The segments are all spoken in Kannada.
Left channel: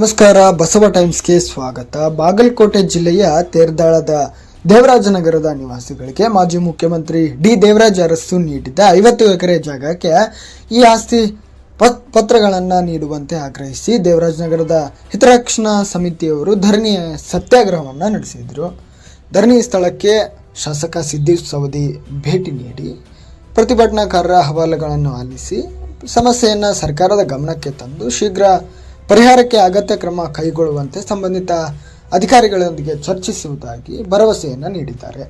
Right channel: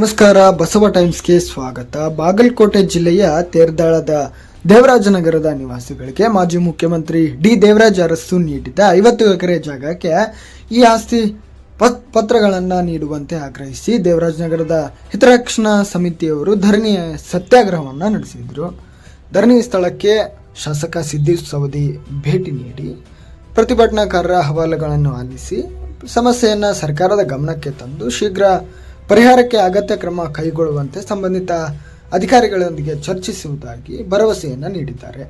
ನಮಸ್ಕಾರ, ಬಸವ ಟೈಮ್ಸ್ಗೆ ಸ್ವಾಗತ. ಬಾಗಲಕೋಟೆ ಜಿಲ್ಲೆಯ ತೇರದಾಳದ ದೇವರಾಜನಗರದ ನಿವಾಸಿಗಳಿಗೆ ಮಾಜಿ ಮುಖ್ಯಮಂತ್ರಿ ಡಿ ದೇವರಾಜ ಅರಸು ನೀಡಿದ್ದ 50 ಎಕರೆ ಜಾಗಕ್ಕೆ ಈ ಆಸ್ತಿ ಪತ್ರಗಳನ್ನು ನೀಡುವಂತೆ ಆಗ್ರಹಿಸಿ ದೇವರಾಜನಗರದ ಹಿತರಕ್ಷಣಾ ಸಮಿತಿಯವರು ಧರಣಿ ಸತ್ಯಾಗ್ರಹವನ್ನು ನಡೆಸಿದರು. ಧರಣಿ ಸ್ಥಳಕ್ಕೆ ಶಾಸಕ ಸಿದ್ದೇಶ್ ಸವದಿ ಭೇಟಿ ನೀಡಿ ಪ್ರತಿಭಟನಾಕಾರರ ಅಹವಾಲುಗಳನ್ನು ಆಲಿಸಿ ಸಮಸ್ಯೆಯನ್ನು ಸರ್ಕಾರದ ಗಮನಕ್ಕೆ ತಂದು ಶೀಘ್ರ ಪರಿಹಾರಕ್ಕೆ ಅಗತ್ಯ ಕ್ರಮ ಕೈಗೊಳ್ಳುವಂತೆ ಸಂಬಂಧಿತ ಅಧಿಕಾರಿಗಳೊಂದಿಗೆ ಚರ್ಚಿಸುವುದಾಗಿ ಭರವಸೆಯನ್ನು ನೀಡಿದ್ದಾರೆ.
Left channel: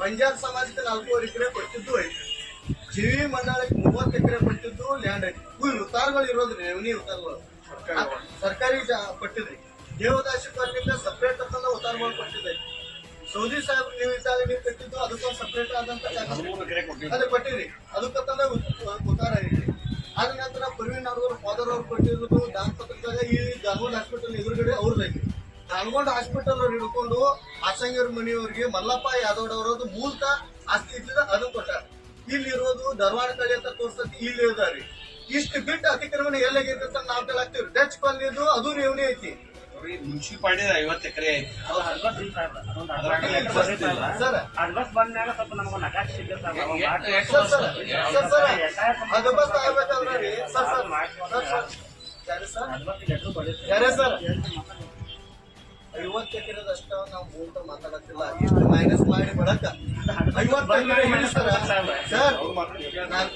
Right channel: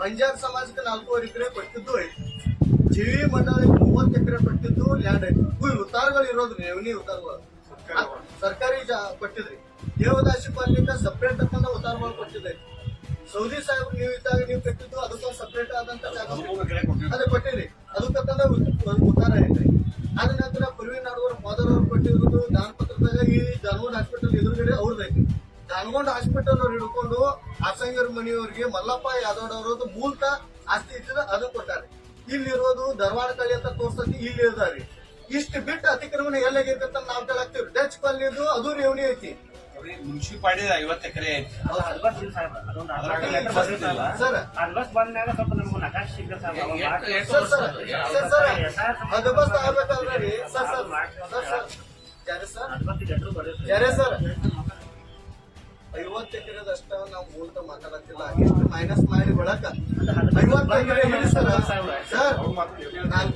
ಬಂಜಾರ ಸಮಾಜಕ್ಕೆ 4 ಎಕರೆ ಕೊಟ್ಟಿದ್ದು ಐತಿ. ಜೀವಿ ಮಂಡಳಿಗೆ 30 ಎಕರೆ ಕೊಟ್ಟಿದ್ದು ಲ್ಯಾಂಡ್ ಐತಿ. ಉತ್ತಾರಗಳು ಇರೋದ್ರಿ, ರೆವಿನ್ಯೂ ಉತ್ತಾರಗಳು ಸರ್ಕಾರಿ ಕೊಟ್ಟಿದ್ರಿ. ದೇವದಾಸಿ ಪಾರ್ಟಿಗೆ ಸಪ್ರೇಟ್ ಅಂತ ಉತ್ತಾರಗಳು ಕೊಟ್ಟಿದ್ರಿ. ಸೌದಿ ಸಾಹೇಬ್ ನೀವು ಇದ್ದಾಗ ನೀವು ಕಟ್ಟಿದ್ದು ಅದಕ್ಕೊಂದು ಸಪ್ರೇಟ್ ಆದಂತ ಅದು ಕೊಟ್ಟಿದ್ರಿ. ಅದಕ್ಕಂತ ಉತ್ತಾರ ಐತ್ರಿ. ಆದ ನಂತರ ಪ್ರವೀಣ್ ನಾಡಗೌಡ ಫಾದರ್ ಅವ್ರು ಕೊಟ್ಟಿರೋದು ದಾನ ಪತ್ರದಾಗ ಈ ಧಾರವಾಡ ಹಾಸ್ಪಿಟಲ್ ಎದುರುಗಡೆ ಅವ್ರದ್ದು ಐತಿ. ಧಾರವಾಡ ಹಾಸ್ಪಿಟಲ್ ಅವ್ರು ಹಿಡ್ಕೊಂಡು ಆಸಂಗರ ಮನೆಯವರಿಗೆ ಮಲ್ಲಪ್ಪ ಯಾದವ್ ಅವರದ್ದು ಮೂಲತಃ ಆಸ್ತಿ ಇಟ್ಟಿದ ಅದನ್ನ ಕೊಟ್ಟಾರೆ. ಇಲ್ಲಿರೋದು ಧಾರವಾಡ ಕಡೆ ಅಂತ ತೋರ್ಸತಿ ಇಲ್ಲಿ ಇದಾರಿ. ಇಷ್ಟು ಬಿಟ್ಟು ಅತಿಕ್ರಮಣ ಎಲ್ಲಾಗಿರ್ತ ನಾವು ಕೇಳಾಕ್ತಿವ್ರಿ. ಟಚ್ ಕಾಲನಿದು ಅದು ರೇವಣಿ ಐತಿ. ಮುನ್ಸಿಪಾಲಿಟಿ 50 ಎಕರೆ ಅದಬಸ್ತ್ ಆಗ್ಬೇಕಾದ್ರಿ ಸರ್ 50 ಎಕರೆದಷ್ಟ ನಾವು ಮೂಲತಃ ಮಾತಾಡತ್ತಿಲ್ಲ. ಇಷ್ಟು ಮೈನಸ್ ಮಾಡಿ ಬಳಕ 50 ಎಕರೆ ಸರ್ 4